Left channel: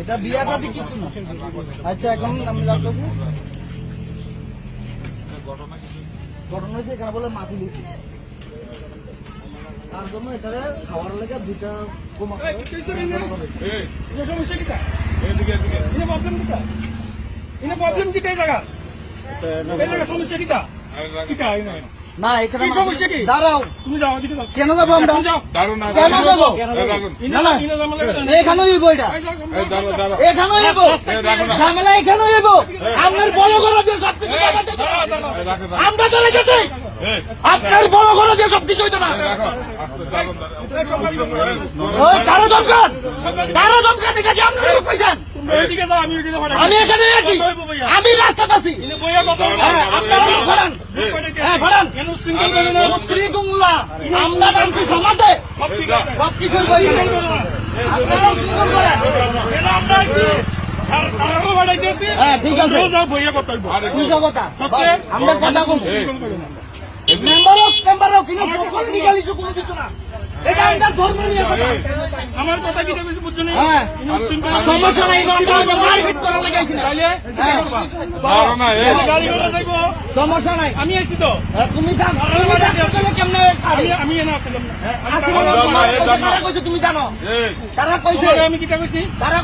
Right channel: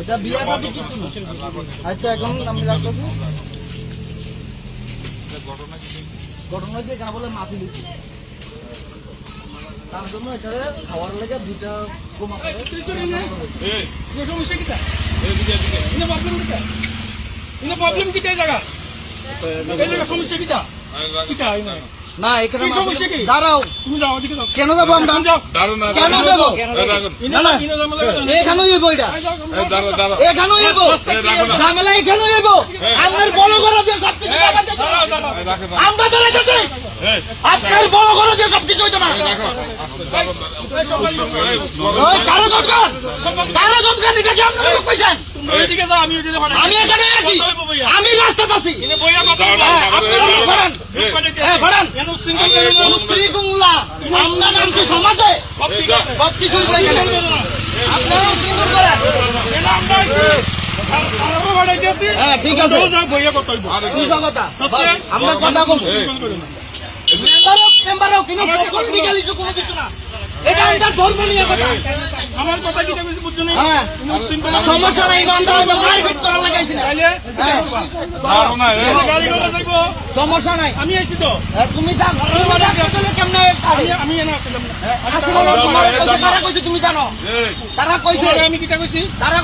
এটা বিয়া শাদী কিছু না। আচ্ছা এখন আমি লাগতেছি ঘটনা হয়েছে এখানে বলে মাফি লিখি তার জন্য এটা খাওয়ার লেগে দুইটা বোমা প্রবলেম কি জায়গা সমস্যা কিটা না এখানে সমস্যা কি দাঁড়াও তুমি যাও এদিকে যাও কেন যাবো আমরা কেন যাবো এখানেই যাবো এটা এখানেই যাবো ঝামেলা এখানেই যাবো আমাদের বড় করে দিয়ে সব কিছু আমরা তো রেখেছি আজকের বড় করে দিয়ে সব কিছু হইতে পারে কারো দরকার এটা কি আপনার লোক পাইছেন এদিকে যাও আমি এদিকে আমি এখানে আছি আমি রাস্তাতে আছি আপনারা আমরা নামছি সমাজে সবকিছু ঠিক আছে আমরা কথা বলছি কোনো কিছু না এটা একটা ধর্ম নিয়ে আমার কথা কি বুঝছি বুঝছো না সমস্যা নাই করা লাগাইছি সমস্যা নাই আমি আইছি তো তুমি কেমন আমি এনে আসলাম তারা কইছে তুমি জানো তারা কইছে আমি কিটা কইছি তারা